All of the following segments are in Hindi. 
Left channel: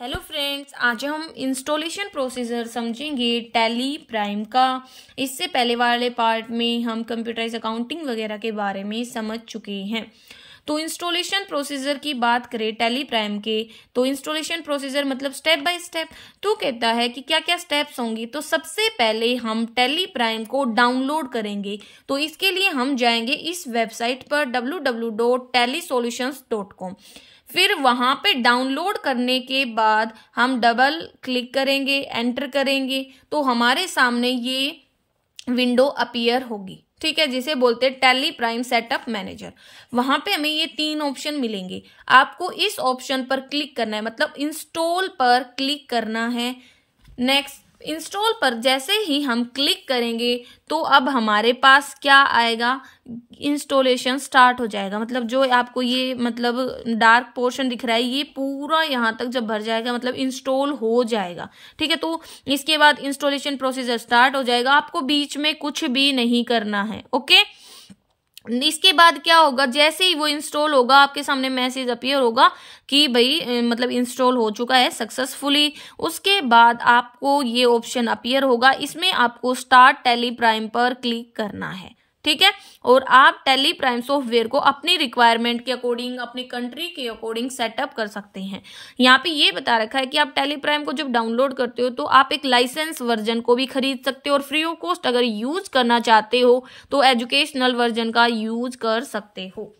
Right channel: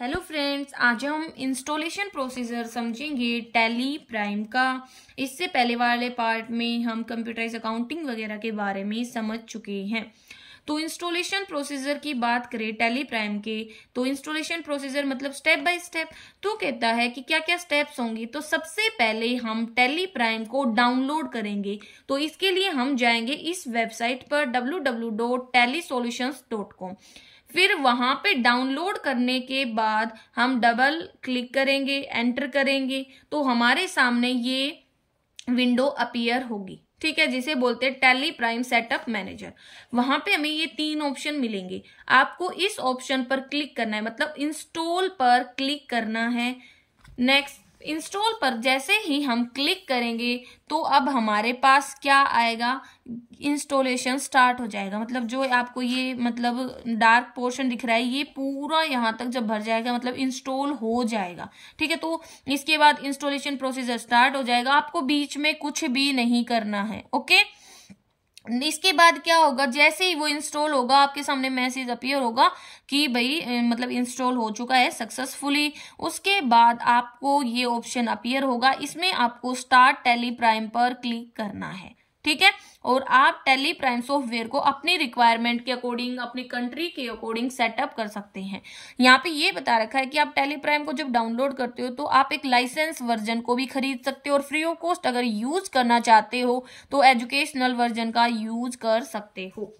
हेलो फ्रेंड्स, आज हम इंस्टॉलेशन प्रोसीजर समझेंगे टैली प्राइम का। इससे पहले वाले पार्ट में हम कंप्यूटराइज अकाउंटिंग वगैरह के बारे में समझ चुके हैं। तो इंस्टॉलेशन प्रोसीजर की बात करें टैली प्राइम के, तो इंस्टॉलेशन प्रोसीजर मतलब स्टेप बाय स्टेप। तो कहता है कि क्या क्या स्टेप्स होंगी। तो सबसे पहले हम टैली प्राइम को डाउनलोड करेंगे। तो इसके लिए हम जाएंगे इस वेबसाइट पर www.tallysolutions.com। फिर वहां पे डाउनलोड करने के बाद हम डबल क्लिक करेंगे, एंटर करेंगे, तो हमारे सामने ये विंडो अपीयर होगी। ठीक है, जिसे बोलते हैं टैली प्राइम सेटअप मैनेजर। वहां पे हमें ये 3 ऑप्शन मिलेंगे। आपको इस ऑप्शन पर क्लिक करना है, मतलब इंस्टॉल पर क्लिक करना है। नेक्स्ट, इंस्टॉल पर जैसे ही हम क्लिक करेंगे तो अब हमारे पास क्या आएगा, इंस्टॉलेशन स्टार्ट हो जाएगा। मतलब जो आपको ये मतलब डार्क पोर्शन दिख रहा है, ये पूरा यहाँ तक जब भर जाएगा मतलब इंस्टॉल हो जाएगा। ठीक है, तो इसके बाद इंस्टॉलेशन प्रोसीजर स्टार्ट हो जाएगा। आपको बीच में कुछ भी नहीं करना है। ओके, इसके बाद क्या होगा, जैसे ही वो इंस्टॉल होगा आपके सामने मैसेज अपीयर होगा कि भाई मतलब इंस्टॉल हो चुका है सक्सेसफुली। उसके बाद आपको ये ऑप्शन अपीयर होगा, इसमें आपको स्टार्ट टैली प्राइम पर क्लिक करना है। ठीक है, और आप टैली प्राइम सॉफ्टवेयर को अपनी रिक्वायरमेंट के अकॉर्डिंग, अपनी कंट्री के अकॉर्डिंग सेटअप कर सकते हैं। यहाँ पे ये बता रखा है कि आप टैली प्राइम को जब डाउनलोड करते हो तो आप एक लाइसेंस वर्जन को भी खरीद सकते हो, और फ्री ऑफ कॉस्ट अगर यूज करना चाहते हो तो एजुकेशनल वर्जन का यूज कर सकते हो।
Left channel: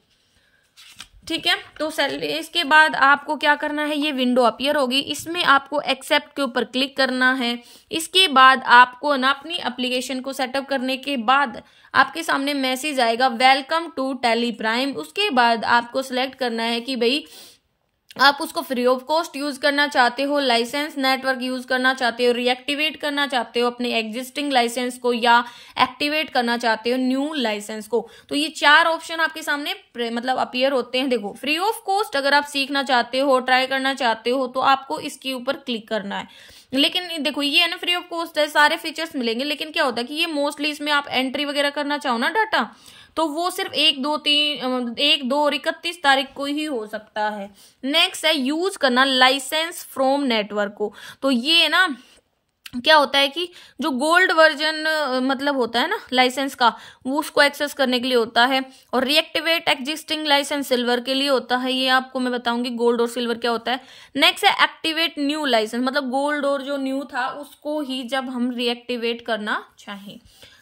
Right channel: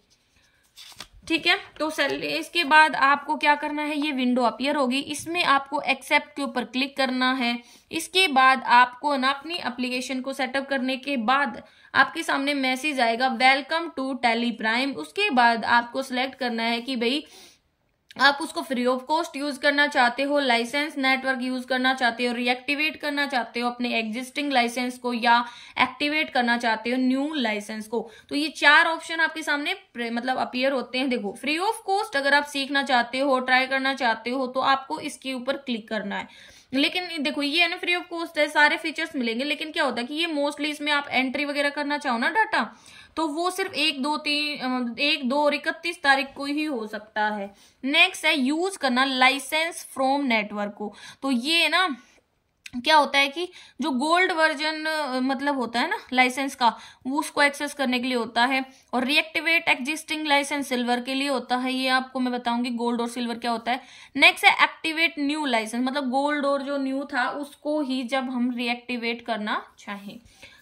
ठीक है, तो इसके बाद आपको क्या करना है, ये विंडो अपीयर होगी, इसमें आपको एक्सेप्ट के ऊपर क्लिक करना है। इसके बाद आपको ना अपनी एप्लीकेशन को सेटअप करने के बाद आपके सामने मैसेज आएगा वेलकम टू टैली प्राइम। उसके बाद आपको सिलेक्ट करना है कि भाई आप उसको फ्री ऑफ कॉस्ट यूज करना चाहते हो, लाइसेंस नेटवर्क यूज करना चाहते हो, रीएक्टिवेट करना चाहते हो अपने एग्जिस्टिंग लाइसेंस को, या एक्टिवेट करना चाहते हो न्यू लाइसेंस को। तो ये 4 ऑप्शन आपके सामने मतलब अपीयर होते हैं। देखो, फ्री ऑफ कॉस्ट अगर आप सीखना चाहते हो, ट्राई करना चाहते हो, तो आपको इसके ऊपर क्लिक करना है। लेकिन देखो ये है ना, फ्री ऑफ कॉस्ट है, सारे फीचर्स मिलेंगे, लेकिन क्या होता है कि ये मोस्टली इसमें आप एंट्री वगैरह करना चाहो ना डाटा, तो वो सिर्फ 1, 2 और 31 तारीख को ही हो सकता है। नेक्स्ट है यूज करना लाइसेंस फ्रॉम नेटवर्क को। तो ये ना क्या होता है कि जो गोल्ड वर्जन मतलब होता है ना लाइसेंस का, वो उसको एक्सेस करने के लिए होता है। और रीएक्टिवेट एग्जिस्टिंग लाइसेंस सिल्वर के लिए होता है। ये आपको मैं बताऊंगी गोल्ड और सिल्वर क्या होता है। नेक्स्ट है एक्टिवेट न्यू लाइसेंस, मतलब गोल्ड और जो न्यू था उसको ही जब हम रीएक्टिवेट करना चाहें।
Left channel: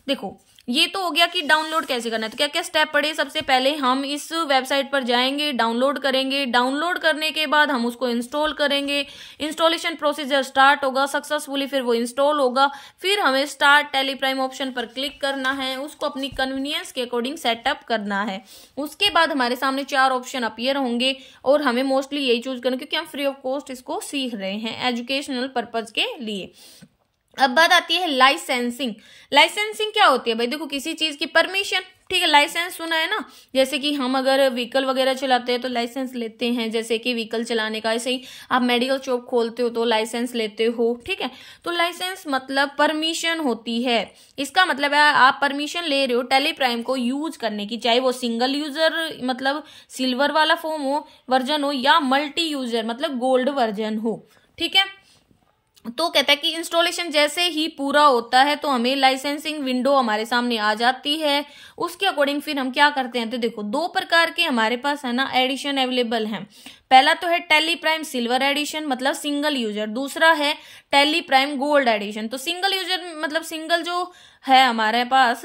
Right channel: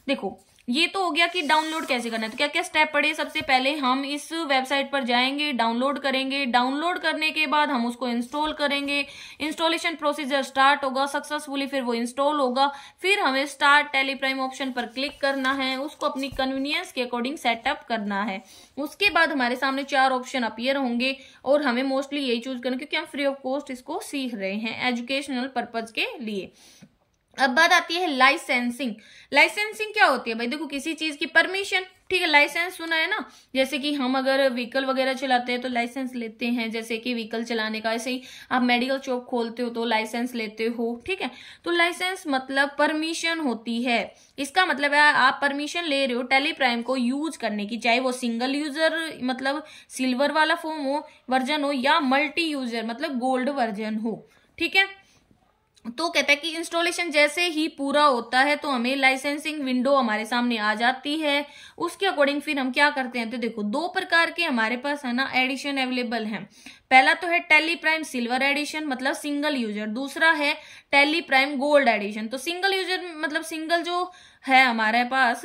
देखो, ये तो हो गया कि डाउनलोड कैसे करना है। तो क्या क्या स्टेप पड़े, सबसे पहले हम इस वेबसाइट पर जाएंगे, डाउनलोड करेंगे। डाउनलोड करने के बाद हम उसको इंस्टॉल करेंगे। इंस्टॉलेशन प्रोसीजर स्टार्ट होगा सक्सेसफुली, फिर वो इंस्टॉल होगा। फिर हमें स्टार्ट टैली प्राइम ऑप्शन पर क्लिक करना है, उसको अपनी कन्वीनियंस के अकॉर्डिंग सेटअप करना है। उसके बाद हमारे सामने 4 ऑप्शन अपीयर होंगे, और हमें मोस्टली यही चूज करना, क्योंकि हम फ्री ऑफ कॉस्ट इसको सीख रहे हैं एजुकेशनल पर्पज के लिए। अब बात आती है लाइसेंसिंग। लाइसेंसिंग क्या होती है भाई, देखो किसी चीज की परमिशन। ठीक है, लाइसेंस सुना है ना, जैसे कि हम अगर व्हीकल वगैरह चलाते हैं तो लाइसेंस लेते हैं, जैसे कि व्हीकल चलाने का। ऐसे ही आप मेडिकल शॉप खोलते हो तो लाइसेंस लेते हो। ठीक है, तो लाइसेंस मतलब परमिशन होती है। इसका मतलब है आप परमिशन ले रहे हो टैली प्राइम को यूज करने की, चाहे वो सिंगल यूजर मतलब सिल्वर वाला फॉर्म हो, वर्जन हो, या मल्टी यूजर मतलब गोल्ड वर्जन हो। ठीक है, तो कहता है कि इंस्टॉलेशन जैसे ही पूरा होता है तो हमें लाइसेंसिंग विंडो हमारे सामने आ जाती है। उसके अकॉर्डिंग फिर हम क्या करते हैं, तो देखो 2 प्रकार के हमारे पास है ना एडिशन अवेलेबल हैं। पहला तो है टैली प्राइम सिल्वर एडिशन, मतलब सिंगल यूजर। दूसरा है टैली प्राइम गोल्ड एडिशन। तो सिंगल यूजर मतलब सिंगल जो है हमारे पास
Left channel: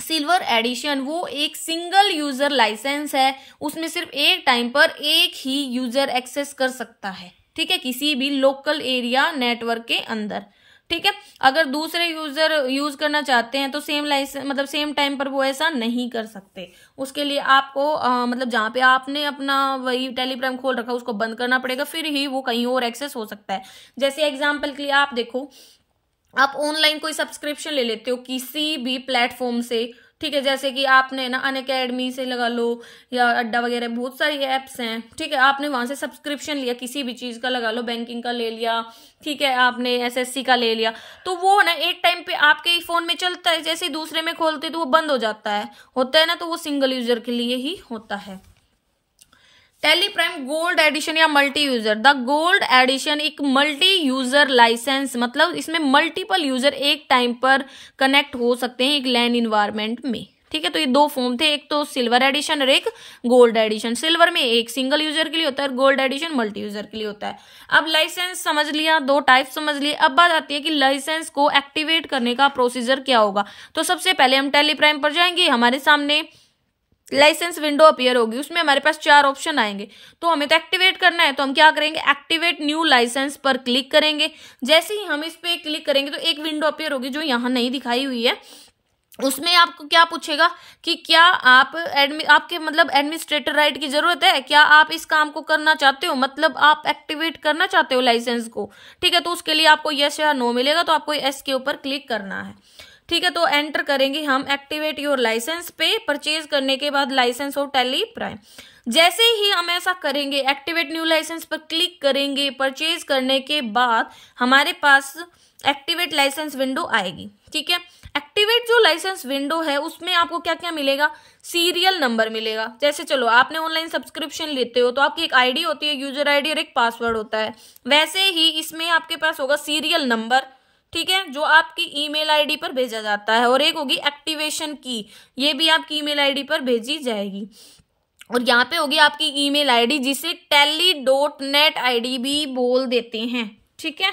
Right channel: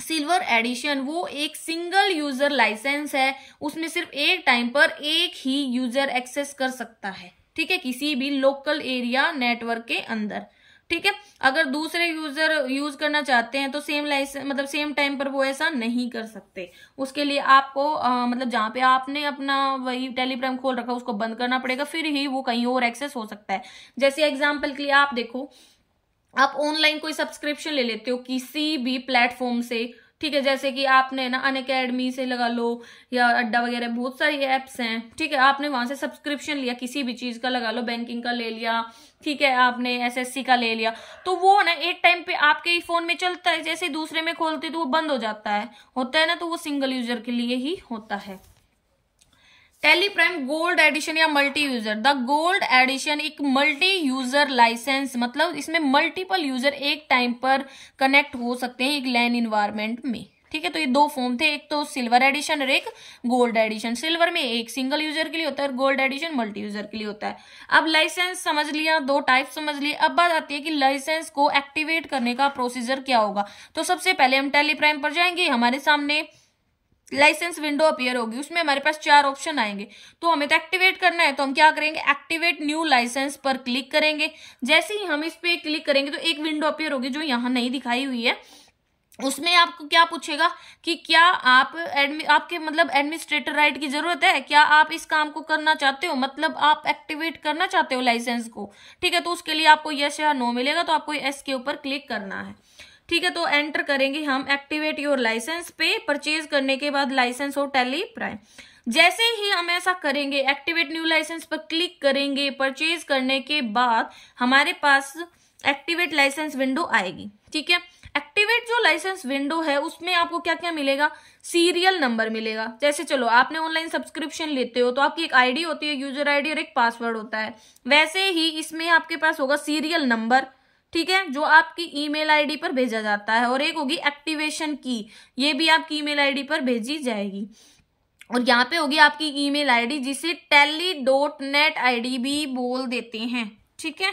सिल्वर एडिशन, वो एक सिंगल यूजर लाइसेंस है। उसमें सिर्फ एक टाइम पर एक ही यूजर एक्सेस कर सकता है। ठीक है, किसी भी लोकल एरिया नेटवर्क के अंदर। ठीक है, अगर दूसरे यूजर यूज करना चाहते हैं तो सेम लाइसेंस मतलब सेम टाइम पर वो ऐसा नहीं कर सकते। उसके लिए आपको मतलब जहां पे आपने अपना वही टैली प्राइम खोल रखा उसको बंद करना पड़ेगा, फिर ही वो कहीं और एक्सेस हो सकता है। जैसे एग्जाम्पल के लिए आप देखो, आप ऑनलाइन कोई सब्सक्रिप्शन ले लेते हो किसी भी प्लेटफॉर्म से। ठीक है, जैसे कि आपने ना अनअकैडमी से लगा लो, या अड्डा वगैरह, बहुत सारी एप्स हैं। ठीक है, आपने वहां से सब्सक्रिप्शन लिया किसी भी चीज का, लगा लो बैंकिंग का ले लिया, ठीक है, आपने एसएससी का ले लिया, तो वो ना एक टाइम पे आपके ही फोन में चलता है, जैसे दूसरे में खोलते तो वो बंद हो जाता है, होता है ना, तो वो सिंगल यूजर के लिए ही होता है। टैली प्राइम गोल्ड एडिशन या multi user. The gold edition एक मल्टी यूजर लाइसेंस, मतलब इसमें मल्टीपल यूजर एक टाइम पर कनेक्ट हो सकते हैं एक लैन इन्वायरमेंट में। ठीक है, तो ये दो फॉर्म थे, एक तो सिल्वर एडिशन और एक गोल्ड एडिशन। सिल्वर में एक सिंगल यूजर के लिए होता है, गोल्ड एडिशन मल्टी यूजर के लिए होता है। अब लाइसेंस समझ लिया, दो टाइप समझ लिए। अब बात आती है कि लाइसेंस को एक्टिवेट करने का प्रोसीजर क्या होगा। तो सबसे पहले हम टैली प्राइम पर जाएंगे, हमारे सामने लाइसेंस विंडो अपीयर होगी, उसमें हमारे पास 4 ऑप्शन आएंगे। तो हमें तो एक्टिवेट करना है, तो हम क्या करेंगे, एक्टिवेट न्यू लाइसेंस पर क्लिक करेंगे। जैसे ही हम इस पे क्लिक करेंगे तो एक विंडो अपीयर होगी जो यहाँ नहीं दिखाई हुई है। उसमें आपको क्या पूछेगा कि क्या आप आपके मतलब एडमिनिस्ट्रेटर राइट की जरूरत है, क्या आप इस काम को करना चाहते हो, मतलब आप एक्टिवेट करना चाहते हो लाइसेंस को। ठीक है, तो उसके लिए आपको यस या नो मिलेगा, तो आपको यस के ऊपर क्लिक करना है। ठीक है, तो एंटर करेंगे हम एक्टिवेट योर लाइसेंस पे, परचेज करने के बाद लाइसेंस ऑफ टैली प्राइम। जैसे ही हम ऐसा करेंगे, एक्टिवेट न्यू लाइसेंस पर क्लिक करेंगे, परचेज करने के बाद हमारे पास एक्टिवेट लाइसेंस विंडो आएगी। ठीक है, एक्टिवेट जो लाइसेंस विंडो है उसमें आपको क्या क्या मिलेगा, सीरियल नंबर मिलेगा। जैसे चलो आपने ऑनलाइन सब्सक्रिप्शन लेते हो तो आपकी एक आईडी होती है, यूजर आईडी और एक पासवर्ड होता है, वैसे ही इसमें आपके पास होगा सीरियल नंबर। ठीक है, जो आपकी ईमेल आईडी पर भेजा जाता है, और एक होगी एक्टिवेशन की, ये भी आपकी ईमेल आईडी पर भेजी जाएगी। और यहाँ पे होगी आपकी ईमेल आईडी जिसे tally.net आईडी भी बोल देते हैं। ठीक है,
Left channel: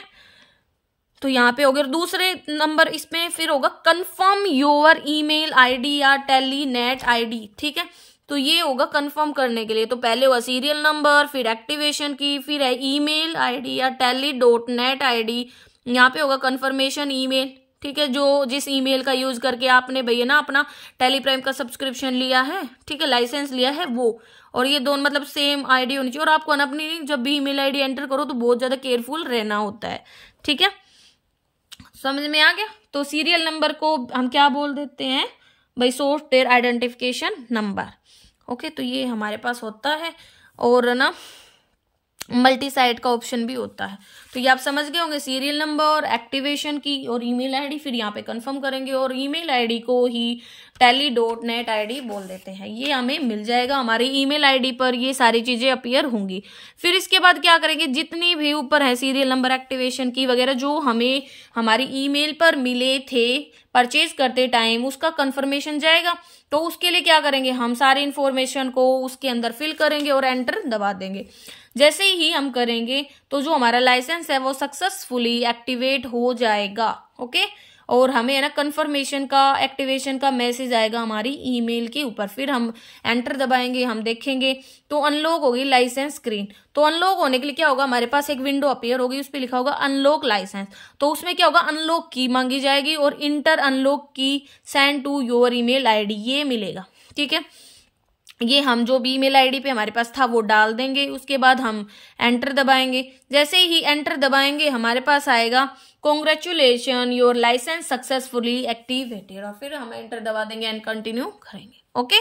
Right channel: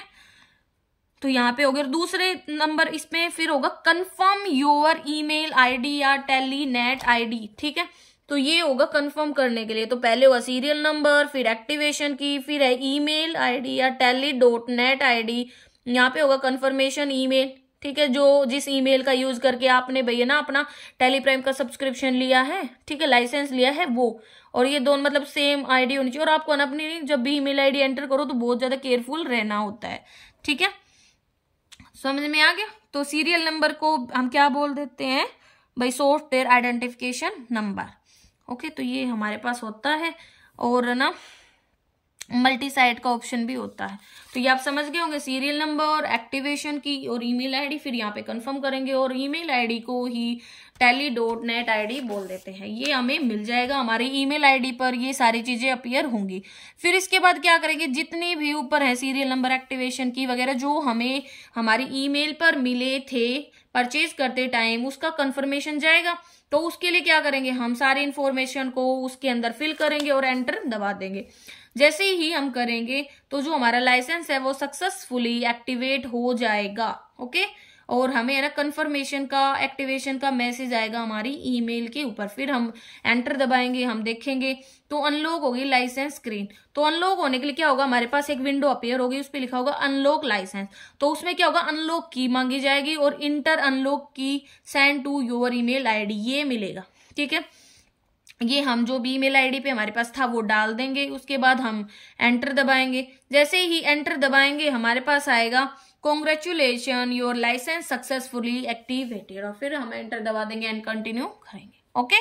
तो यहाँ पे होगा दूसरे नंबर, इसमें फिर होगा कंफर्म योर ईमेल आईडी या टेलीनेट आईडी। ठीक है, तो ये होगा कंफर्म करने के लिए। तो पहले होगा सीरियल नंबर, फिर एक्टिवेशन की, फिर है ईमेल आईडी या tally.net आईडी, यहाँ पे होगा कंफर्मेशन ईमेल। ठीक है, जो जिस ईमेल का यूज करके आपने भैया ना अपना टैली प्राइम का सब्सक्रिप्शन लिया है, ठीक है, लाइसेंस लिया है वो, और ये दोनों मतलब सेम आईडी होनी चाहिए। और आपको ना अपनी जब भी ईमेल आईडी एंटर करो तो बहुत ज्यादा केयरफुल रहना होता है। ठीक है, समझ में आ गया। तो सीरियल नंबर को हम क्या बोल देते हैं भाई, सॉफ्टवेयर आइडेंटिफिकेशन नंबर। ओके, तो ये हमारे पास होता है, और ना मल्टी साइट का ऑप्शन भी होता है। तो ये आप समझ गए होंगे, सीरियल नंबर, एक्टिवेशन की और ईमेल आईडी, फिर यहाँ पे कंफर्म करेंगे और ईमेल आईडी को ही tally.net आईडी बोल देते हैं। ये हमें मिल जाएगा हमारी ईमेल आईडी पर, ये सारी चीजें अपीयर होंगी। फिर इसके बाद क्या करेंगे, जितनी भी ऊपर है सीरियल नंबर, एक्टिवेशन की वगैरह, जो हमें हमारी ईमेल पर मिले थे परचेज करते टाइम, उसका कंफर्मेशन जाएगा। तो उसके लिए क्या करेंगे, हम सारी इंफॉर्मेशन को उसके अंदर फिल करेंगे और एंटर दबा देंगे। जैसे ही हम करेंगे तो जो हमारा लाइसेंस है वो सक्सेसफुली एक्टिवेट हो जाएगा। ओके, और हमें है ना कंफर्मेशन का, एक्टिवेशन का मैसेज आएगा हमारी ईमेल के ऊपर। फिर हम एंटर दबाएंगे, हम देखेंगे तो अनलॉक होगी लाइसेंस स्क्रीन। तो अनलॉक होने के लिए क्या होगा, हमारे पास एक विंडो अपीयर होगी, उस पर लिखा होगा अनलॉक लाइसेंस। तो उसमें क्या होगा, अनलॉक की मांगी जाएगी और इंटर अनलॉक की send to your email ID, ये मिलेगा। ठीक है, ये हम जो भी ईमेल आईडी पे हमारे पास था वो डाल देंगे। उसके बाद हम एंटर दबाएंगे। जैसे ही एंटर दबाएंगे हमारे पास आएगा congratulation your licence successfully activated, और फिर हम एंटर दबा देंगे एंड कंटिन्यू करेंगे। ओके,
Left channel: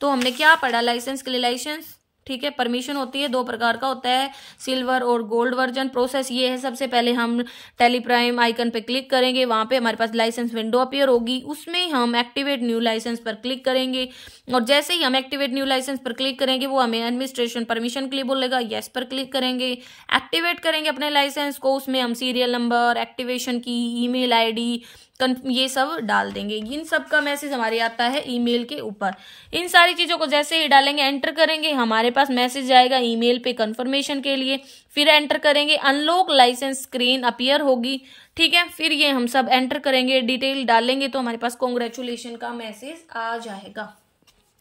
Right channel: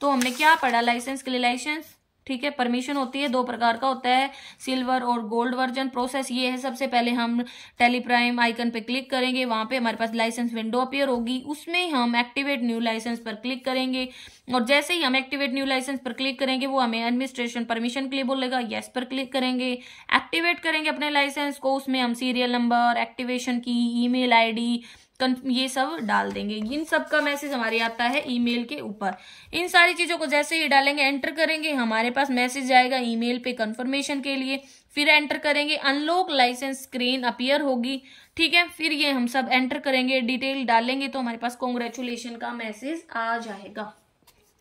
तो हमने क्या पढ़ा लाइसेंस के लिए, लाइसेंस ठीक है, परमिशन होती है, 2 प्रकार का होता है, सिल्वर और गोल्ड वर्जन। प्रोसेस ये है, सबसे पहले हम टैली प्राइम आइकन पे क्लिक करेंगे, वहां पे हमारे पास लाइसेंस विंडो अपीयर होगी, उसमें हम एक्टिवेट न्यू लाइसेंस पर क्लिक करेंगे। और जैसे ही हम एक्टिवेट न्यू लाइसेंस पर क्लिक करेंगे वो हमें एडमिनिस्ट्रेशन परमिशन के लिए बोलेगा, यस पर क्लिक करेंगे, एक्टिवेट करेंगे अपने लाइसेंस को। उसमें हम सीरियल नंबर, एक्टिवेशन की, ईमेल आईडी, ये सब डाल देंगे। इन सब का मैसेज हमारे आता है ईमेल के ऊपर। इन सारी चीजों को जैसे ही डालेंगे, एंटर करेंगे, हमारे पास मैसेज आएगा ईमेल पे कंफर्मेशन के लिए। फिर एंटर करेंगे, अनलॉक लाइसेंस स्क्रीन अपीयर होगी। ठीक है, फिर ये हम सब एंटर करेंगे, डिटेल डालेंगे तो हमारे पास कॉन्ग्रेचुलेशन का मैसेज आ जाएगा।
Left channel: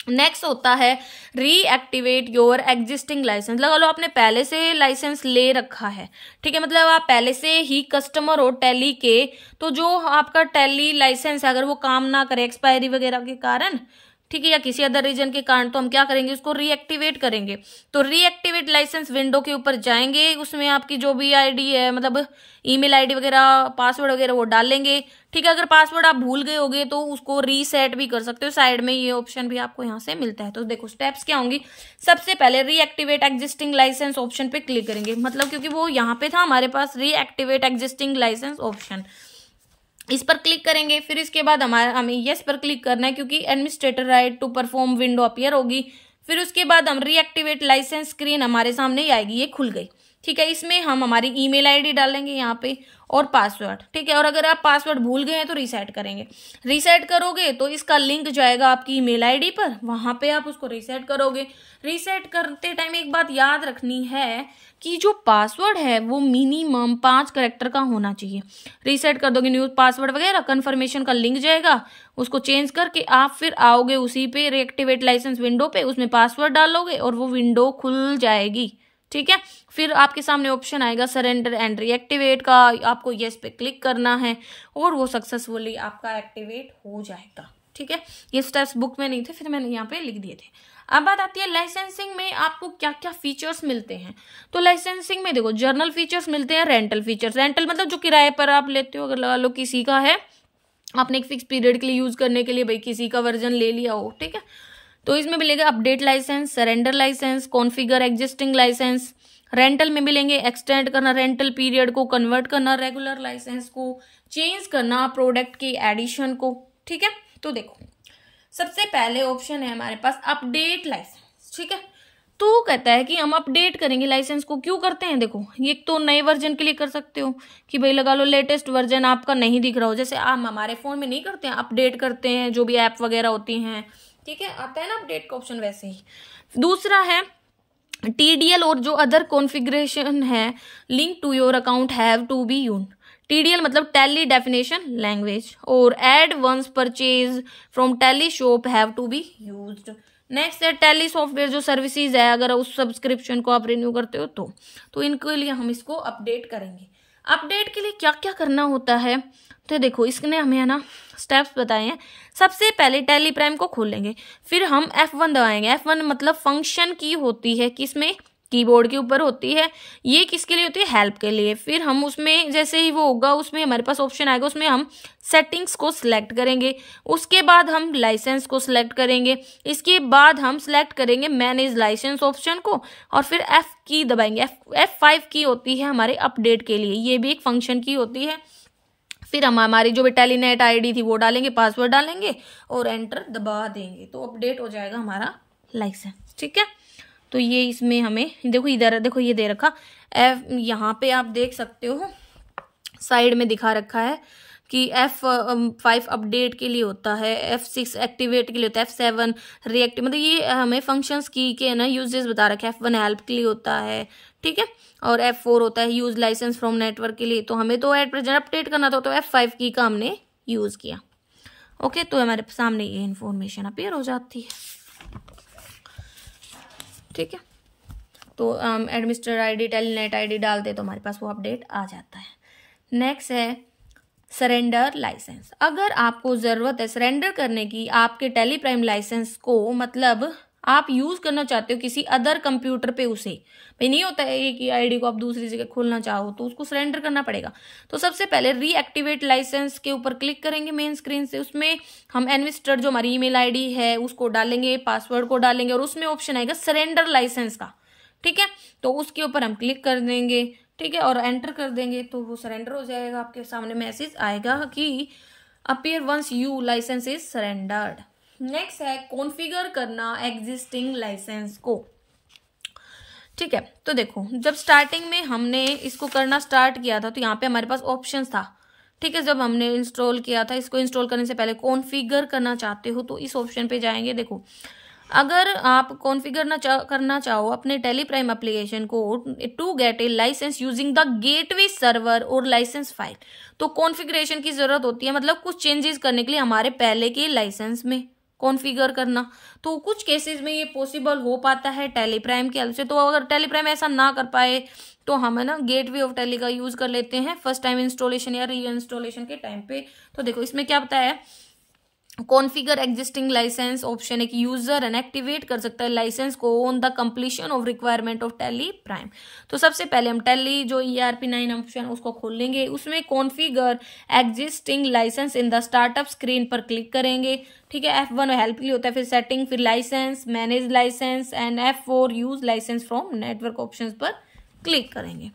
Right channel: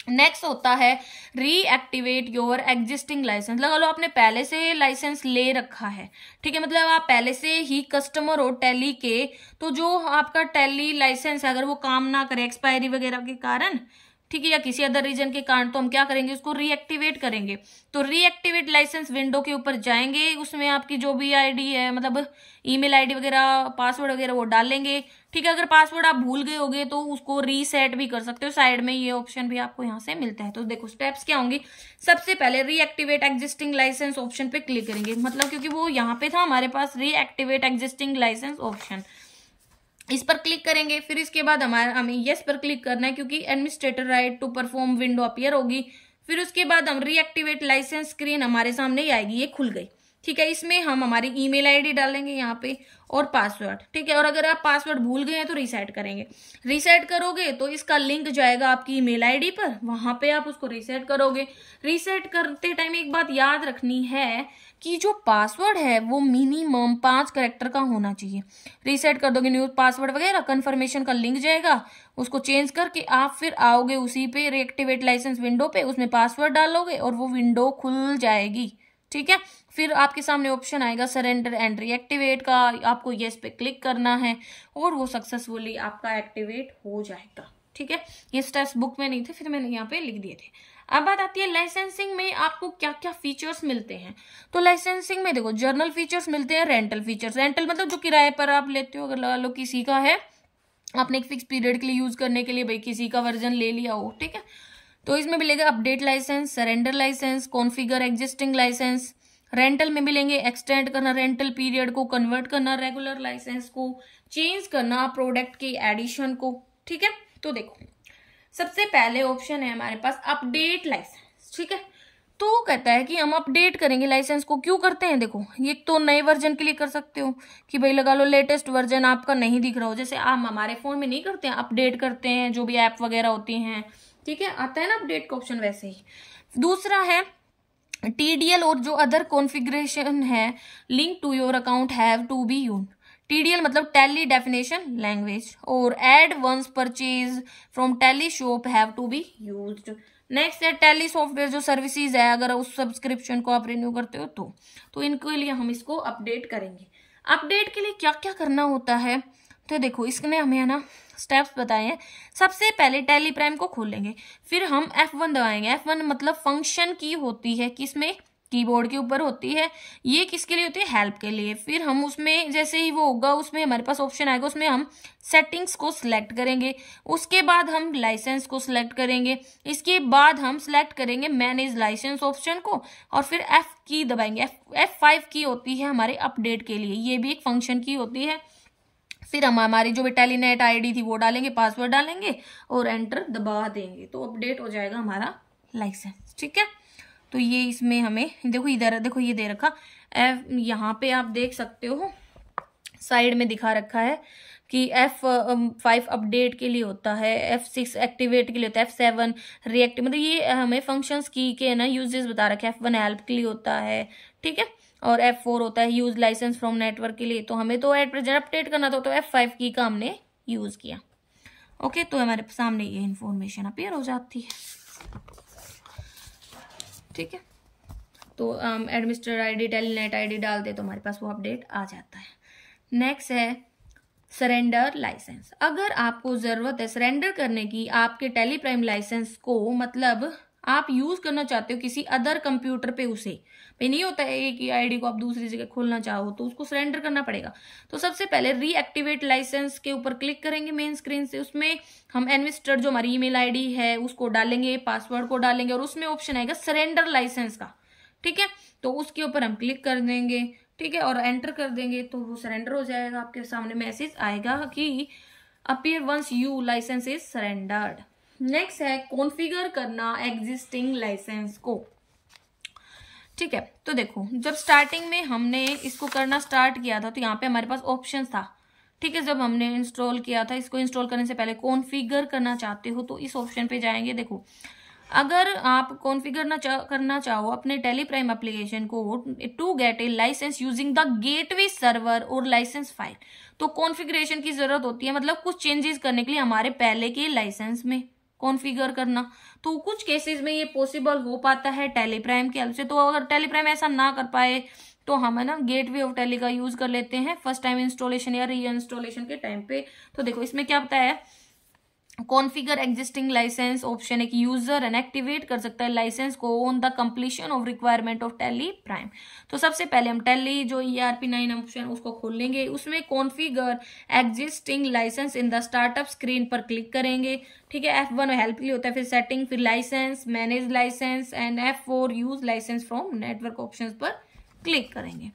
नेक्स्ट होता है रीएक्टिवेट योर एग्जिस्टिंग लाइसेंस। लगा लो आपने पहले से लाइसेंस ले रखा है, ठीक है, मतलब आप पहले से ही कस्टमर हो टैली के, तो जो आपका टैली लाइसेंस अगर वो काम ना करे एक्सपायरी वगैरह के कारण, ठीक है, या किसी अदर रीजन के कारण, तो हम क्या करेंगे, उसको रीएक्टिवेट करेंगे। तो रीएक्टिवेट लाइसेंस विंडो के ऊपर जाएंगे, उसमें आपकी जो भी आईडी है, मतलब ईमेल आईडी वगैरह, पासवर्ड वगैरह वो डालेंगे। ठीक है, अगर पासवर्ड आप भूल गए होगे तो उसको रीसेट भी कर सकते हो, साइड में ये ऑप्शन भी आपको यहाँ से मिलता है। तो देखो स्टेप्स क्या होंगी, सबसे पहले रीएक्टिवेट एग्जिस्टिंग लाइसेंस ऑप्शन पे क्लिक करेंगे, मतलब क्योंकि वो यहाँ पे था हमारे पास रीएक्टिवेट एग्जिस्टिंग लाइसेंस ऑप्शन, इस पर क्लिक करेंगे। फिर इसके बाद हमें यस पर क्लिक करना है, क्योंकि administrator right to perform window appear होगी। फिर उसके बाद हम रीएक्टिवेट लाइसेंस स्क्रीन हमारे सामने ही आएगी, ये खुल गई। ठीक है, इसमें हम हमारी ईमेल आईडी डालेंगे यहाँ पे और पासवर्ड। ठीक है, और अगर आप पासवर्ड भूल गए हैं तो रीसेट करेंगे। रीसेट करोगे तो इसका लिंक जाएगा आपकी ईमेल आईडी पर, वहां पे आप उसको रीसेट करोगे। रीसेट करते टाइम एक बात याद रखनी है कि जो पासवर्ड है वो मिनिमम 5 कैरेक्टर का होना चाहिए। रीसेट कर दोगे, न्यू पासवर्ड वगैरह कंफर्मेशन का लिंक जाएगा, उसको चेंज करके आप फिर आओगे उसी पे रीएक्टिवेट लाइसेंस विंडो पे, उसमें पासवर्ड डालोगे और वो विंडो खुल जाएगी। ठीक है, फिर आपके सामने ऑप्शन आएगा सरेंडर एंड रीएक्टिवेट का, आपको यस पे क्लिक करना है और वो सक्सेसफुली आपका एक्टिवेट हो जाएगा। ठीक है, ये स्टेप्स बुक में नहीं थे, फिर मैंने यहाँ पे लिख दिए थे। अब बात आती है लाइसेंसिंग में आपको क्या क्या फीचर्स मिलते हैं। तो लाइसेंसिंग में देखो जर्नल फीचर्स मिलते हैं, रेंटल फीचर्स। रेंटल मतलब जो किराए पर आप लेते हो, अगर लगा लो किसी का है, आपने एक फिक्स पीरियड के लिए यूज करने के लिए भाई किसी का वर्जन ले लिया हो, ठीक है, तो इसमें मिलेगा update licence, surrender licence, configure existing licence. Rental में मिलेंगे एक्सटेंड करना रेंटल पीरियड को, कन्वर्ट करना रेगुलर लाइसेंस को, चेंज करना प्रोडक्ट की एडिशन को। ठीक है, तो देखो सबसे पहले ऑप्शन है हमारे पास अपडेट लाइसेंस। ठीक है, तो कहता है कि हम अपडेट करेंगे लाइसेंस को। क्यों करते हैं, देखो ये तो नए वर्जन के लिए कर सकते हो कि भाई लगा लो लेटेस्ट वर्जन आपका नहीं दिख रहा हो, जैसे हम हमारे फोन में नहीं करते हैं, अपडेट करते हैं जो भी ऐप वगैरह होती हैं। ठीक है, आता है ना अपडेट का ऑप्शन, वैसे ही। दूसरा है TDL और जो अदर कॉन्फ़िगरेशन है link to your account have to be used. TDL मतलब टैली डेफिनेशन लैंग्वेज, और add ons purchase from Tally shop have to be used. Next है टैली सॉफ्टवेयर जो सर्विसेज है, अगर उस सब्सक्रिप्शन को आप रिन्यू करते हो तो इनके लिए हम इसको अपडेट करेंगे। अपडेट के लिए क्या क्या करना होता है, तो देखो इसने हमें है ना स्टेप्स बताए हैं। सबसे पहले टैली प्राइम को खोलेंगे, फिर हम F1 दबाएंगे। F1 मतलब फंक्शन की होती है, किसमें, कीबोर्ड के ऊपर होती है। ये किसके लिए होती है, हेल्प के लिए। फिर हम उसमें जैसे ही वो होगा उसमें हमारे पास ऑप्शन आएगा, उसमें हम सेटिंग्स को सिलेक्ट करेंगे। उसके बाद हम लाइसेंस को सिलेक्ट करेंगे। इसके बाद हम सिलेक्ट करेंगे मैनेज लाइसेंस ऑप्शन को, और फिर F की दबाएंगे। F5 की होती है हमारे अपडेट के लिए, ये भी एक फंक्शन की होती है। फिर हम हमारी जो भी टेलीनेट आईडी थी वो डालेंगे, पासवर्ड डालेंगे और एंटर दबा देंगे, तो अपडेट हो जाएगा हमारा लाइसेंस। ठीक है, तो ये इसमें हमें देखो इधर देखो ये दे रखा यहाँ पे आप देख सकते हो साइड में दिखा रखा है कि F5 अपडेट के लिए होता है, F6 एक्टिवेट के लिए होता है, F7 रिएक्टिव, मतलब ये हमें फंक्शंस की के ना यूजेस बता रखे हैं। F1 हेल्प के लिए होता है, ठीक है, और F4 होता है यूज लाइसेंस फ्रॉम नेटवर्क के लिए। तो हमें तो एट प्रेजेंट अपडेट करना था, तो F5 की का हमने यूज किया। ओके, तो हमारे सामने ये इन्फॉर्मेशन अपीयर हो जाती है। ठीक है, तो एडमिनिस्ट्रेटर आईडी टेलीनेट आईडी डालते तो हमारे पास वो अपडेट आ जाता है। नेक्स्ट है सरेंडर लाइसेंस। अगर आपको जरूरत है सरेंडर करने की आपके टेली प्राइम लाइसेंस को, मतलब आप यूज करना चाहते हो किसी अदर कंप्यूटर पे, उसे भाई नहीं होता है कि आईडी को आप दूसरी जगह खोलना चाहो तो उसको सरेंडर करना पड़ेगा। तो सबसे पहले रीएक्टिवेट लाइसेंस के ऊपर क्लिक करेंगे मेन स्क्रीन से। उसमें हम एडमिनिस्ट्रेटर जो हमारी ईमेल आईडी है उसको डालेंगे, पासवर्ड को डालेंगे और उसमें ऑप्शन आएगा सरेंडर लाइसेंस का। ठीक है, तो उसके ऊपर हम क्लिक कर देंगे, ठीक है, और एंटर कर देंगे तो वो सरेंडर हो जाएगा। आपके सामने मैसेज आएगा कि appear once you licence is surrendered. Next है कॉन्फ़िगर करना एग्जिस्टिंग लाइसेंस को। ठीक है, तो देखो जब स्टार्टिंग में हमने इसको करना स्टार्ट किया था तो यहाँ पे हमारे पास ऑप्शन था। ठीक है, जब हमने इंस्टॉल किया था, इसको इंस्टॉल करने से पहले कॉन्फ़िगर करना चाहते हो तो इस ऑप्शन पे जाएंगे। देखो अगर आप कॉन्फ़िगर करना चाहो अपने टेली प्राइम एप्लीकेशन को to get a licence using the gateway server और लाइसेंस फाइल, तो कॉन्फ़िगरेशन की जरूरत होती है, मतलब कुछ चेंजेस करने के लिए हमारे पहले के लाइसेंस में कॉन्फ़िगर करना। तो कुछ केसेस में ये पॉसिबल हो पाता है टेली प्राइम की हेल्प से। तो अगर टेली प्राइम ऐसा ना कर पाए तो हम है ना गेटवे ऑफ टेली का यूज कर लेते हैं फर्स्ट टाइम इंस्टॉलेशन या री इंस्टॉलेशन के टाइम पे। तो देखो इसमें क्या बताया है, कॉन्फ़िगर एग्जिस्टिंग लाइसेंस ऑप्शन है कि यूजर इनएक्टिवेट कर सकता है लाइसेंस को on the completion of requirement of Tally Prime. तो सबसे पहले हम टेली जो ERP9 ऑप्शन उसको खोल लेंगे, उसमें configure existing licence in the startup screen पर क्लिक करेंगे। ठीक है, F1 हेल्प के लिए होता है, फिर सेटिंग, फिर licence, manage licence and F4 use licence from network options पर क्लिक करेंगे।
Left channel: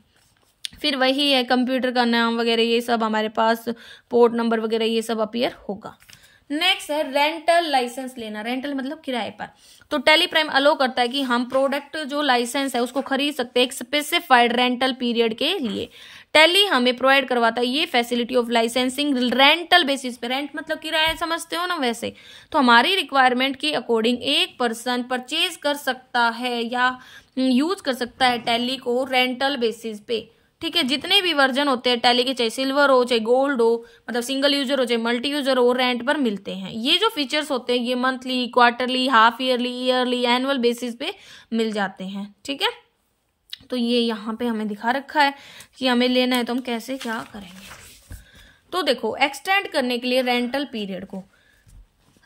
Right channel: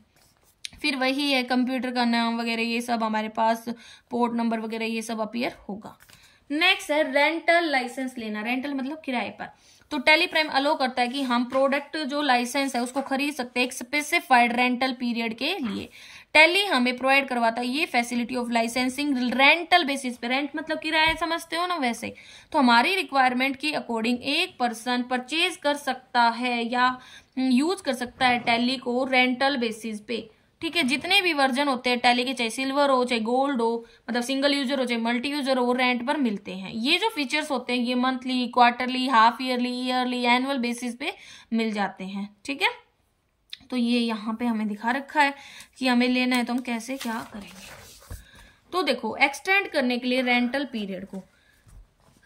फिर वही है कंप्यूटर का नाम वगैरह ये सब हमारे पास, पोर्ट नंबर वगैरह ये सब अपीयर होगा। नेक्स्ट है रेंटल लाइसेंस लेना। रेंटल मतलब किराए पर। तो टैली प्राइम अलो करता है कि हम प्रोडक्ट जो लाइसेंस है उसको खरीद सकते हैं एक स्पेसिफाइड रेंटल पीरियड के लिए। टैली हमें प्रोवाइड करवाता है ये facility of licensing rental basis पे। रेंट मतलब किराया, समझते हो ना, वैसे। तो हमारी रिक्वायरमेंट के अकॉर्डिंग एक पर्सन परचेज कर सकता है या यूज कर सकता है टैली को रेंटल बेसिस पे। ठीक है, जितने भी वर्जन होते हैं टैली के, चाहे सिल्वर हो चाहे गोल्ड हो, मतलब सिंगल यूजर हो चाहे मल्टी यूजर हो, रेंट पर मिलते हैं। ये जो फीचर्स होते हैं ये monthly, quarterly, half yearly, yearly, annual basis पे मिल जाते हैं। ठीक है, तो ये यहाँ पे हमें दिखा रखा है कि हमें लेना है तो हम कैसे क्या करेंगे। तो देखो, एक्सटेंड करने के लिए रेंटल पीरियड को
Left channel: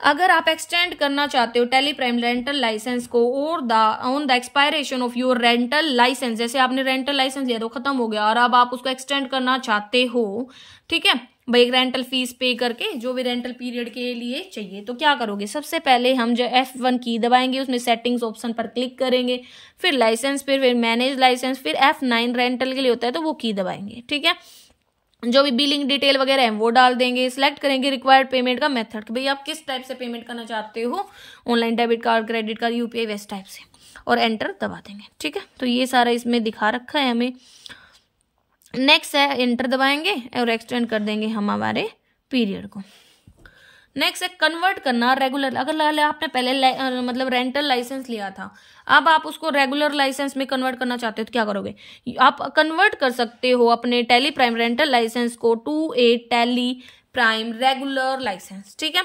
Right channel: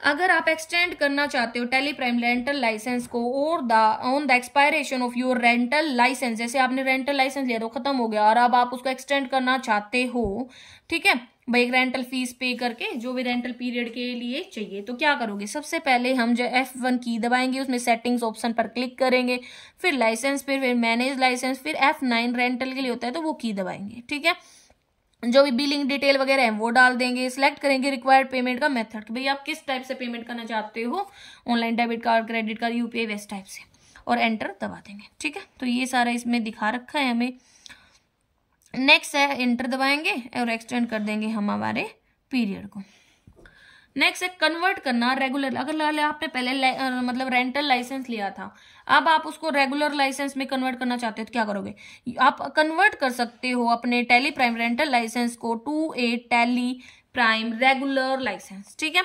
अगर आप एक्सटेंड करना चाहते हो टैली प्राइम रेंटल लाइसेंस को और on the expiration of your rental licence, जैसे आपने रेंटल लाइसेंस लिया तो खत्म हो गया और अब आप उसको एक्सटेंड करना चाहते हो, ठीक है भाई, एक रेंटल फीस पे करके जो भी रेंटल पीरियड के लिए चाहिए, तो क्या करोगे, सबसे पहले हम जो F1 की दबाएंगे, उसमें सेटिंग्स ऑप्शन पर क्लिक करेंगे, फिर लाइसेंस, फिर मैनेज लाइसेंस, फिर F9 रेंटल के लिए होता है तो वो की दबाएंगे। ठीक है, जो भी बिलिंग डिटेल वगैरह है वो डाल देंगे, सिलेक्ट करेंगे रिक्वायर्ड पेमेंट का मेथड, तो भाई आप किस टाइप से पेमेंट करना चाहते हो, online, debit card, credit card, UPI, वैसे टाइप से, और एंटर दबा देंगे। ठीक है, तो ये सारा इसमें दिखा रखा है हमें। नेक्स्ट है एंटर दबाएंगे और एक्सटेंड कर देंगे हम हमारे पीरियड को। नेक्स्ट है कन्वर्ट करना रेगुलर। अगर आपने पहले मतलब रेंटल लाइसेंस लिया था, अब आप उसको रेगुलर लाइसेंस में कन्वर्ट करना चाहते हो तो क्या करोगे, आप कन्वर्ट कर सकते हो अपने टैली प्राइम रेंटल लाइसेंस को to a Tally prime regular licence. ठीक है,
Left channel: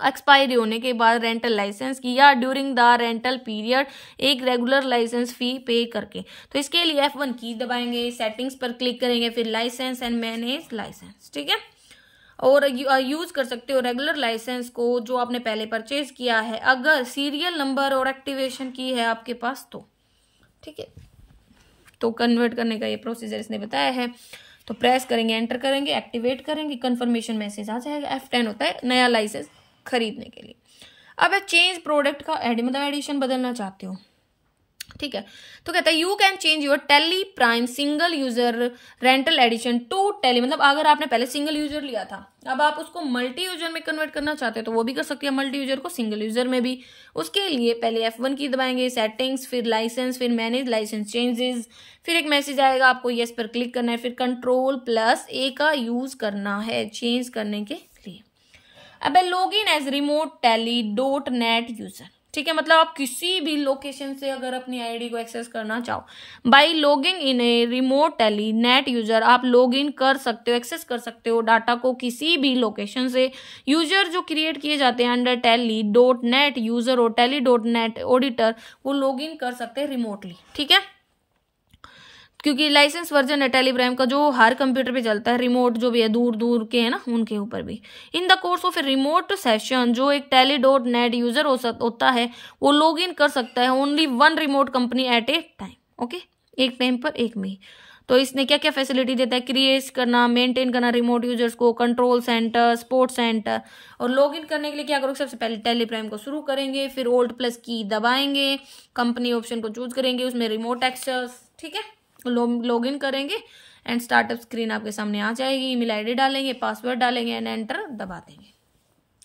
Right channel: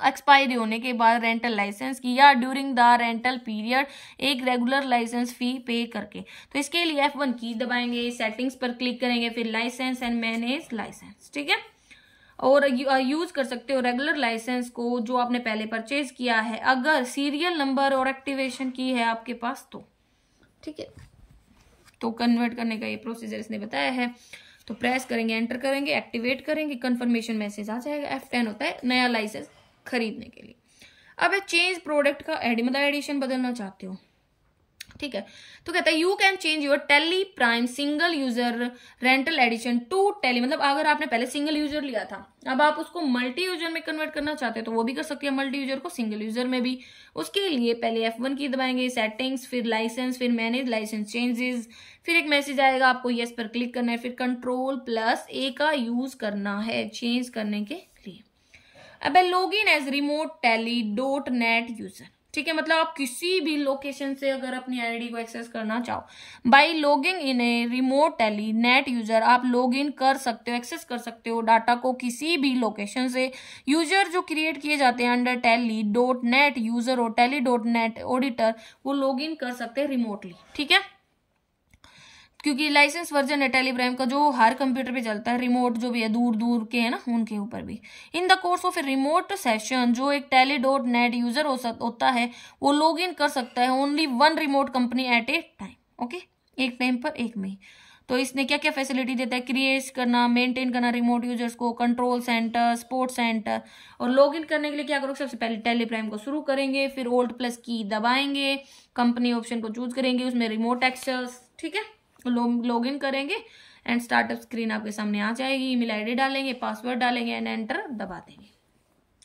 एक्सपायरी होने के बाद रेंटल लाइसेंस की या ड्यूरिंग द रेंटल पीरियड एक रेगुलर लाइसेंस फी पे करके। तो इसके लिए F1 की दबाएंगे, सेटिंग्स पर क्लिक करेंगे, फिर लाइसेंस एंड मैनेज लाइसेंस। ठीक है, और यूज कर सकते हो रेगुलर लाइसेंस को जो आपने पहले परचेज किया है, अगर सीरियल नंबर और एक्टिवेशन की है आपके पास तो। ठीक है, तो कन्वर्ट करने का ये प्रोसीजर इसने बताया है। तो प्रेस करेंगे, एंटर करेंगे, एक्टिवेट करेंगे, कंफर्मेशन मैसेज आ जाएगा। F10 होता है नया लाइसेंस खरीदने के लिए। अब चेंज प्रोडक्ट का मतलब एडिशन बदलना चाहते हो, ठीक है, तो कहता है you can change your Tally prime single user rental edition to Tally, मतलब अगर आपने पहले सिंगल यूजर लिया था, अब आप उसको मल्टी यूजर में कन्वर्ट करना चाहते हो तो वो भी कर सकते हैं, मल्टी यूजर को सिंगल यूजर में भी। उसके लिए पहले F1 की दबाएंगे, सेटिंग्स, फिर लाइसेंस, फिर मैनेज लाइसेंस चेंजेस, फिर एक मैसेज आएगा, आपको यस पर क्लिक करना है, फिर Ctrl+A का यूज करना है चेंज करने के लिए। अब log in as remote Tally .net user. ठीक है, मतलब आप किसी भी लोकेशन से अगर अपनी आईडी को एक्सेस करना चाहो, by logging in a remote Tally net user, आप लॉग इन कर सकते हो, एक्सेस कर सकते हो डाटा को किसी भी लोकेशन से। यूजर जो क्रिएट किए जाते हैं अंडर टैली .net यूजर और टैली .net ऑडिटर, वो लॉग इन कर सकते हैं रिमोटली। ठीक है, क्योंकि लाइसेंस वर्जन है टैली प्राइम का जो हर कंप्यूटर पे चलता है, रिमोट जो भी है दूर दूर के है ना उनके ऊपर भी। In the course of a remote session, जो एक टैली .net यूजर होता है वो लॉग इन कर सकता है only one remote company at A time. Okay, एक टाइम पर एक में। तो इसने क्या क्या फैसिलिटी देता है, क्रिएट करना, मेंटेन करना रिमोट यूजर्स को, कंट्रोल सेंटर, सपोर्ट सेंटर। और लॉग इन करने के लिए क्या करोगे, सबसे पहले टैली प्राइम को शुरू करेंगे, फिर Alt+ की दबाएंगे, कंपनी ऑप्शन को चूज करेंगे, उसमें रिमोट एक्सेस, ठीक है, लॉग इन करेंगे एंड स्टार्टअप स्क्रीन आपके सामने आ जाएगी। ईमेल आईडी डालेंगे, पासवर्ड डालेंगे एंड एंटर दबा देंगे।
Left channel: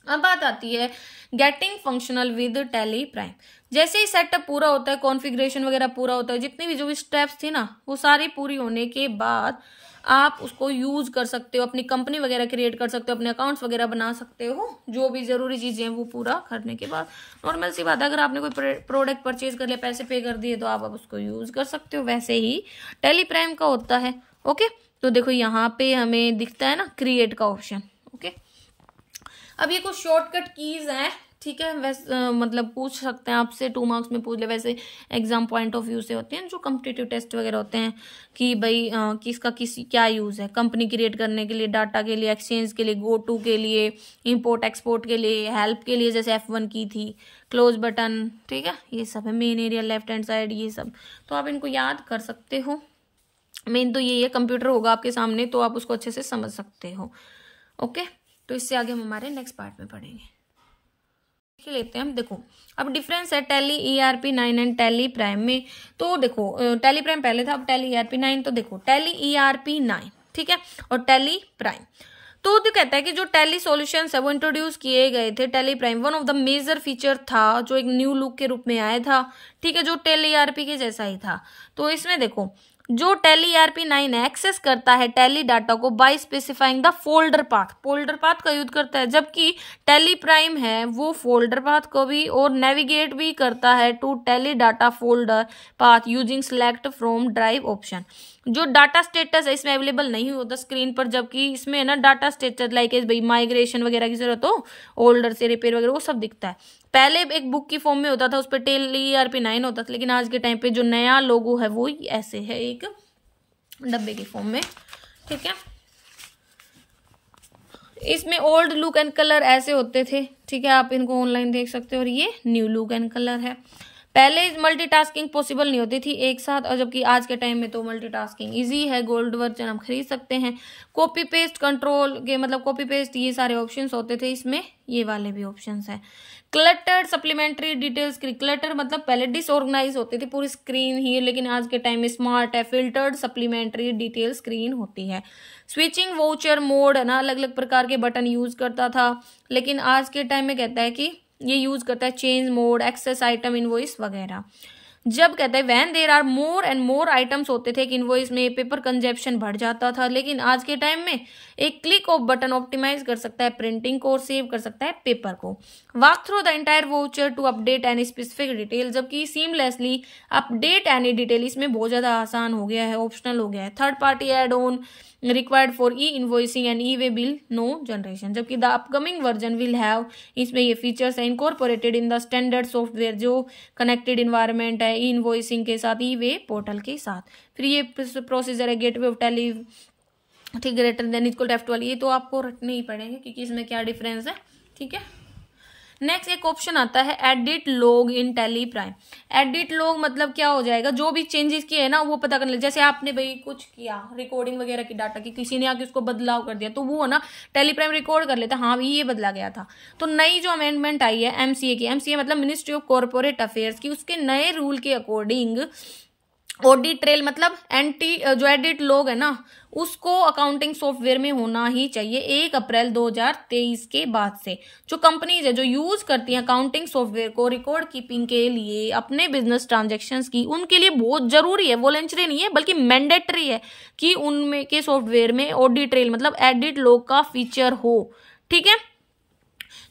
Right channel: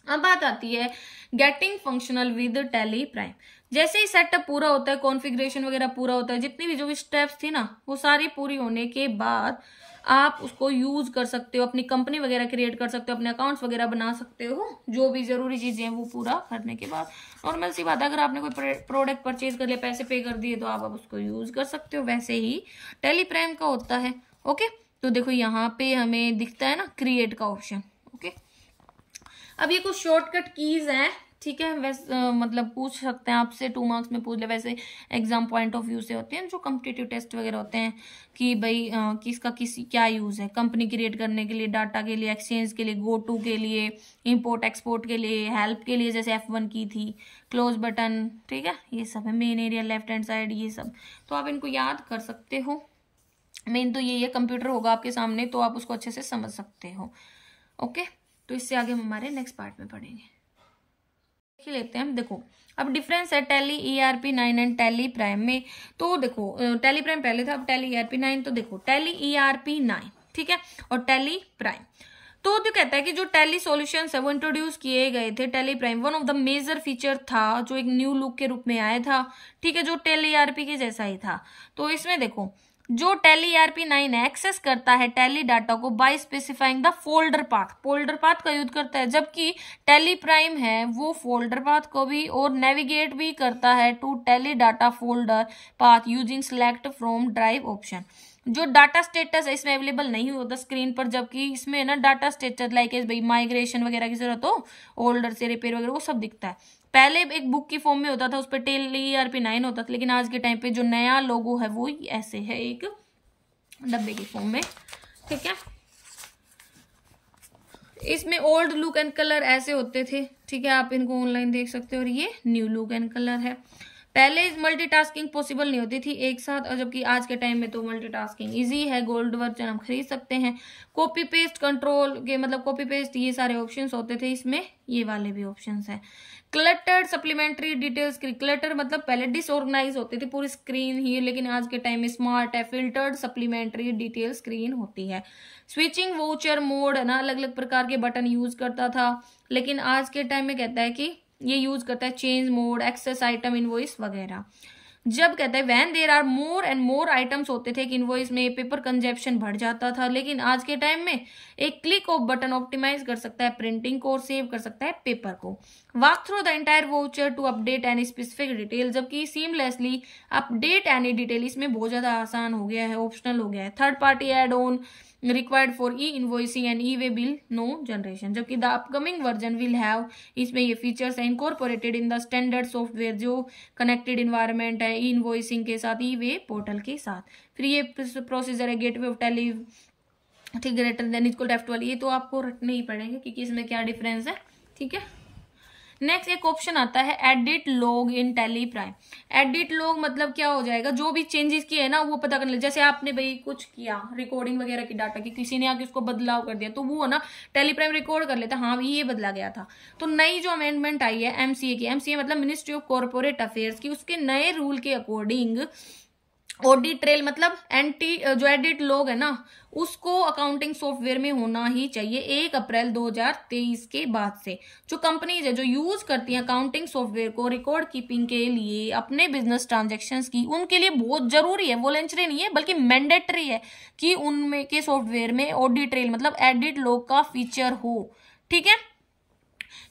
अब बात आती है getting functional with tally prime. जैसे ही सेटअप पूरा होता है, कॉन्फ़िगरेशन वगैरह पूरा होता है, जितनी भी जो भी स्टेप्स थी ना वो सारी पूरी होने के बाद आप उसको यूज कर सकते हो, अपनी कंपनी वगैरह क्रिएट कर सकते हो, अपने अकाउंट्स वगैरह बना सकते हो, जो भी जरूरी चीजें हैं वो पूरा करने के बाद। नॉर्मल सी बात, अगर आपने कोई प्रोडक्ट परचेज कर लिया, पैसे पे कर दिए, तो आप अब उसको यूज कर सकते हो। वैसे ही टैली प्राइम का होता है। ओके, तो देखो यहाँ पे हमें दिखता है ना क्रिएट का ऑप्शन। ओके, अब ये कुछ शॉर्टकट कीज हैं, ठीक है, वैसे मतलब पूछ सकते हैं आपसे, 2 मार्क्स में पूछ ले, वैसे एग्जाम पॉइंट ऑफ व्यू से होते हैं जो कॉम्पिटिटिव टेस्ट वगैरह होते हैं कि भाई किसका क्या यूज है, कंपनी क्रिएट करने के लिए, डाटा के लिए, एक्सचेंज के लिए, गो टू के लिए, इंपोर्ट एक्सपोर्ट के लिए, हेल्प के लिए जैसे F1 की थी, क्लोज बटन, ठीक है, ये सब है, main area, left hand side, ये सब तो आप इनको याद कर सकते हो। मेन तो यही है, कंप्यूटर होगा आपके सामने तो आप उसको अच्छे से समझ सकते हो। ओके, तो इससे आगे हम हमारे नेक्स्ट पार्ट में पढ़ेंगे। लेते हैं, देखो अब डिफरेंस है tally ERP9 and tally prime में। तो देखो टैली प्राइम पहले था, अब टैली ERP9। तो देखो टैली ERP9, ठीक है, और टैली प्राइम। तो जो कहता है कि जो टैली सॉल्यूशंस है वो इंट्रोड्यूस किए गए थे Tally prime, one of the major feature था जो एक न्यू लुक के रूप में आया था, ठीक है, जो टैली ईआरपी के जैसा ही था। तो इसमें देखो जो टैली ईआरपी 9 एक्सेस करता है टैली डाटा को by specifying the folder path का यूज करता है, जबकि टैली प्राइम है वो फोल्डर पाथ को भी और नेविगेट भी करता है to Tally data folder path using select from drive option. जो डाटा स्टेटस है इसमें अवेलेबल नहीं होता स्क्रीन पर, जबकि इसमें ना डाटा स्टेटस लाइक भाई माइग्रेशन वगैरह की जरूरत हो, ओल्डर से रिपेयर वगैरह, वो सब दिखता है। पहले एक बुक की फॉर्म में होता था, उस पर टैली ईआरपी 9 होता था, लेकिन आज के टाइम पे जो नया लोगो है वो ऐसे है एक डब्बे की फॉर्म में, ठीक है। इसमें ओल्ड लुक एंड कलर ऐसे होते थे, ठीक है, आप इनको ऑनलाइन देख सकते हो, और ये न्यू लुक एंड कलर है। पहले मल्टीटास्किंग पॉसिबल नहीं होती थी एक साथ, और जबकि आज के टाइम में तो मल्टीटास्किंग इजी है, गोल्ड वर्जन हम खरीद सकते हैं। कॉपी पेस्ट कंट्रोल के मतलब कॉपी पेस्ट ये सारे ऑप्शंस होते थे, इसमें ये वाले भी ऑप्शंस है। क्लटर्ड सप्लीमेंट्री डिटेल्स, क्लटर मतलब पहले डिसऑर्गेनाइज होती थी पूरी स्क्रीन ही, लेकिन आज के टाइम में स्मार्ट है, फिल्टर्ड सप्लीमेंट्री डिटेल स्क्रीन होती है। स्विचिंग वाउचर मोड ना अलग अलग प्रकार के बटन यूज करता था, लेकिन आज के टाइम में कहता है कि ये यूज करता है change mode, access item invoice वगैरह। जब कहते हैं when there are more and more items होते थे कि इनवॉइस में पेपर कंजप्शन बढ़ जाता था, लेकिन आज के टाइम में एक क्लिक ऑफ बटन ऑप्टिमाइज कर सकता है प्रिंटिंग को और सेव कर सकता है पेपर को। Walk through the entire voucher to update any specific detail, जबकि सीमलेसली अपडेट एनी डिटेल इसमें बहुत ज्यादा आसान हो गया है, ऑप्शनल हो गया है। Third party add on required for e invoicing and e way bill no generation, जबकि the upcoming version will have, इसमें ये फीचर्स है incorporated in the standard software जो कनेक्टेड इन्वायरमेंट है ई इनवॉइसिंग के साथ, ई वे पोर्टल के साथ। फिर ये प्रोसीजर है गेटवे ऑफ टेली, ठीक, greater than equal to F12, ये तो आपको रटने ही पड़ेंगे क्योंकि इसमें क्या डिफरेंस है, ठीक है। नेक्स्ट एक ऑप्शन आता है edit log in tally prime. Edit log मतलब क्या हो जाएगा, जो भी चेंजेस किए हैं ना वो पता करने, जैसे आपने भाई कुछ किया रिकॉर्डिंग वगैरह की डाटा की, किसी ने आके उसको बदलाव कर दिया, तो वो है ना टैली प्राइम रिकॉर्ड कर लेता, हाँ ये बदला गया था। तो नई जो अमेंडमेंट आई है एमसीए की, एमसीए मतलब मिनिस्ट्री ऑफ कॉर्पोरेट अफेयर्स की, उसके नए रूल के अकॉर्डिंग ऑडिट ट्रेल मतलब जो एडिट लॉग है ना उसको अकाउंटिंग सॉफ्टवेयर में होना ही चाहिए 1 अप्रैल 2023 के बाद से। जो कंपनीज है जो यूज करती हैं अकाउंटिंग सॉफ्टवेयर को रिकॉर्ड कीपिंग के लिए अपने बिजनेस ट्रांजैक्शंस की, उनके लिए बहुत जरूरी है, वॉलंटरी नहीं है बल्कि मैंडेटरी है कि उनमें के सॉफ्टवेयर में ऑडिट ट्रेल मतलब एडिट लॉग का फीचर हो, ठीक है।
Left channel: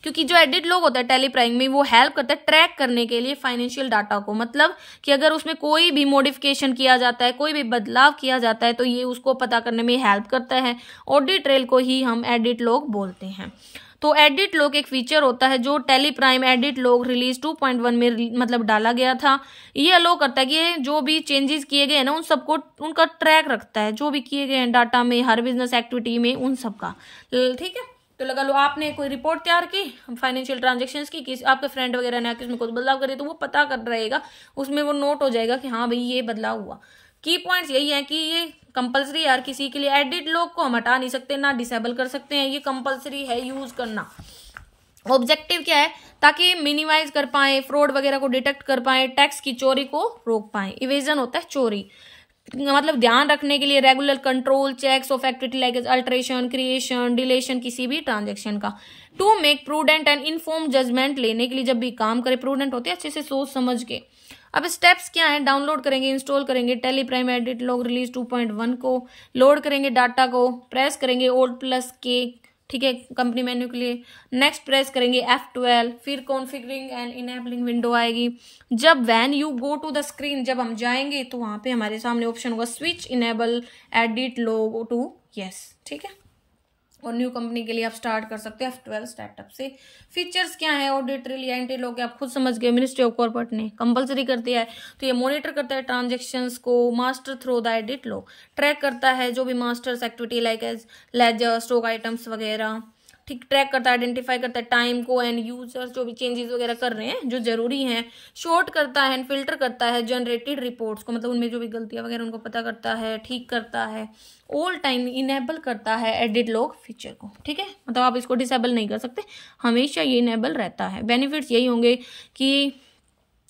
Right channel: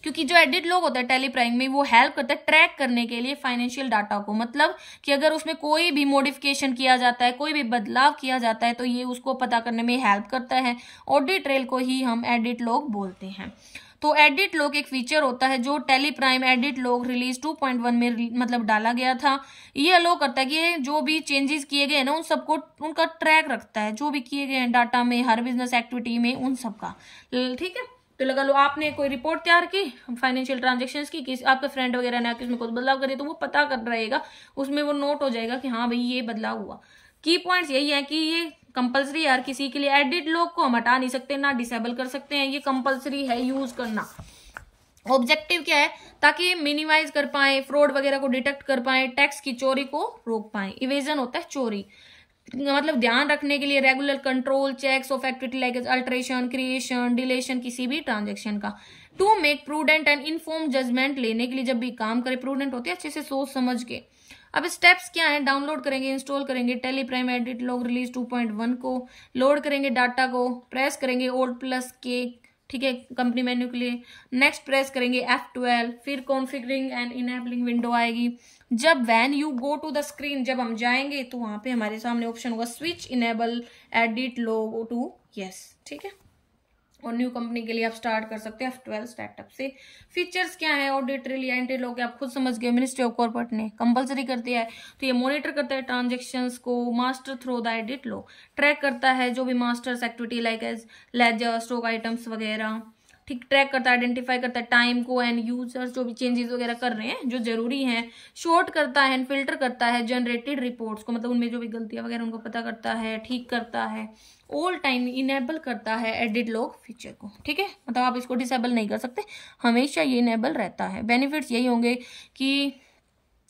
क्योंकि जो एडिट लॉग होता है टैली प्राइम में वो हेल्प करता है ट्रैक करने के लिए फाइनेंशियल डाटा को, मतलब कि अगर उसमें कोई भी मॉडिफिकेशन किया जाता है, कोई भी बदलाव किया जाता है तो ये उसको पता करने में हेल्प करता है। ऑडिट ट्रेल को ही हम एडिट लॉग बोलते हैं। तो एडिट लॉग एक फीचर होता है जो tally prime edit log release 2.1 में मतलब डाला गया था। ये अलो करता है कि जो भी चेंजेस किए गए हैं ना उन सबको उनका ट्रैक रखता है, जो भी किए गए हैं डाटा में हर बिजनेस एक्टिविटी में उन सबका, ठीक है। तो लगा लो आपने कोई रिपोर्ट तैयार की फाइनेंशियल ट्रांजैक्शंस की, आपके फ्रेंड वगैरह ने आके उसमें कुछ बदलाव कर दिया तो वो पता कर रहेगा, उसमें वो नोट हो जाएगा कि हाँ भाई ये बदलाव हुआ। की पॉइंट्स यही है कि ये कंपलसरी यार, किसी के लिए एडिट लॉग को हम हटा नहीं सकते ना डिसेबल कर सकते हैं, ये कंपलसरी है यूज करना। ऑब्जेक्टिव क्या है, ताकि मिनिमाइज कर पाए, फ्रॉड वगैरह को डिटेक्ट कर पाए, टैक्स की चोरी को रोक पाए। इवेजन होता है चोरी, मतलब ध्यान रखने के लिए regular control checks of activity like alteration creation deletion किसी भी ट्रांजेक्शन का। To make prudent and inform judgement, लेने के लिए जब भी काम करे प्रूडेंट होते हैं अच्छे से सोच समझ के। अब स्टेप्स क्या है, डाउनलोड करेंगे इंस्टॉल करेंगे tally prime edit log release 2.1 को, लोड करेंगे डाटा को, प्रेस करेंगे Alt+K, ठीक है, कंपनी मेन्यू के लिए। नेक्स्ट प्रेस करेंगे F12, फिर कॉन्फ़िगरिंग एंड इनेबलिंग विंडो आएगी। जब when you go to the screen, जब हम जाएंगे तो वहां पे हमारे सामने ऑप्शन होगा switch enable edit log to yes, ठीक है। और न्यू कंपनी के लिए आप स्टार्ट कर सकते हैं F12 स्टार्टअप से। फीचर्स क्या है, ऑडिट ट्रेल या एंटी लॉग आप खुद समझ गए, मिनिस्ट्री ऑफ कॉर्पोरेट ने कंपलसरी कर दिया है। तो ये मॉनिटर करता है ट्रांजेक्शन्स को, master through the edit log, track करता है जो भी masters activity like as ledger stock items वगैरह, ठीक, ट्रैक करता है, आइडेंटिफाई करता है टाइम को एंड यूजर्स जो भी चेंजेस वगैरह कर रहे हैं जो जरूरी हैं, शॉर्ट करता है एंड फिल्टर करता है जनरेटेड रिपोर्ट्स को, मतलब उनमें जो भी गलतियां वगैरह उनको पता करता है, ठीक करता है, ऑल टाइम इनेबल करता है एडिट लॉग फीचर को, ठीक है। मतलब आप इसको डिसेबल नहीं कर सकते, हमेशा ये इनेबल रहता है। बेनिफिट्स यही होंगे कि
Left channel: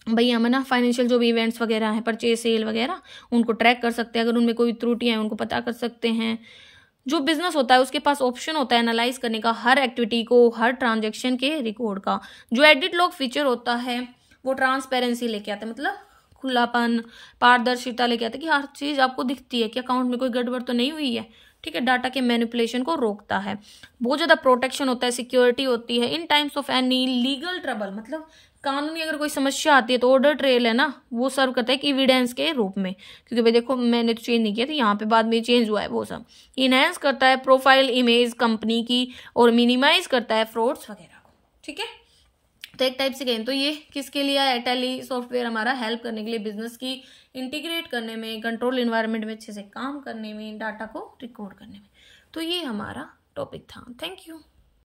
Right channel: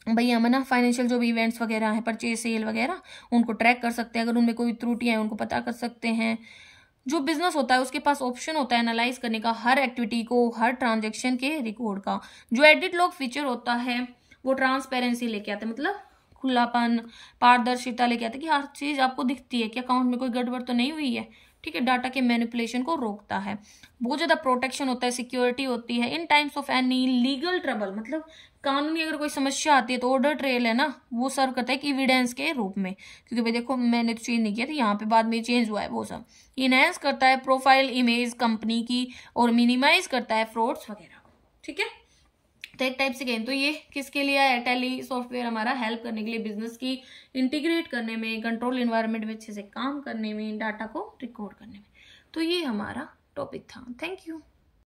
भाई हम ना फाइनेंशियल जो भी इवेंट्स वगैरह हैं, परचेज सेल वगैरह, उनको ट्रैक कर सकते हैं, अगर उनमें कोई त्रुटियां हैं उनको पता कर सकते हैं। जो बिजनेस होता है उसके पास ऑप्शन होता है एनालाइज करने का हर एक्टिविटी को, हर ट्रांजेक्शन के रिकॉर्ड का। जो एडिट लॉग फीचर होता है वो ट्रांसपेरेंसी लेके आता है, मतलब खुलापन, पारदर्शिता लेके आता है कि हर चीज आपको दिखती है कि अकाउंट में कोई गड़बड़ तो नहीं हुई है, ठीक है। डाटा के मैनिपुलेशन को रोकता है। बहुत ज्यादा प्रोटेक्शन होता है, सिक्योरिटी होती है। In times of any legal trouble, मतलब कानूनी अगर कोई समस्या आती है तो ऑर्डर ट्रेल है ना, वो सर्व करता है कि एविडेंस के रूप में, क्योंकि भाई देखो मैंने तो चेंज नहीं किया था, यहाँ पे बाद में चेंज हुआ है, वो सब इनहेंस करता है प्रोफाइल इमेज कंपनी की और मिनिमाइज करता है फ्रॉड्स वगैरह को, ठीक है। तो एक टाइप से कहें तो ये किसके लिए है, टैली सॉफ्टवेयर हमारा हेल्प करने के लिए बिजनेस की इंटीग्रेट करने में, कंट्रोल इन्वायरमेंट में अच्छे से काम करने में, डाटा को रिकॉर्ड करने में। तो ये हमारा टॉपिक था। Thank you.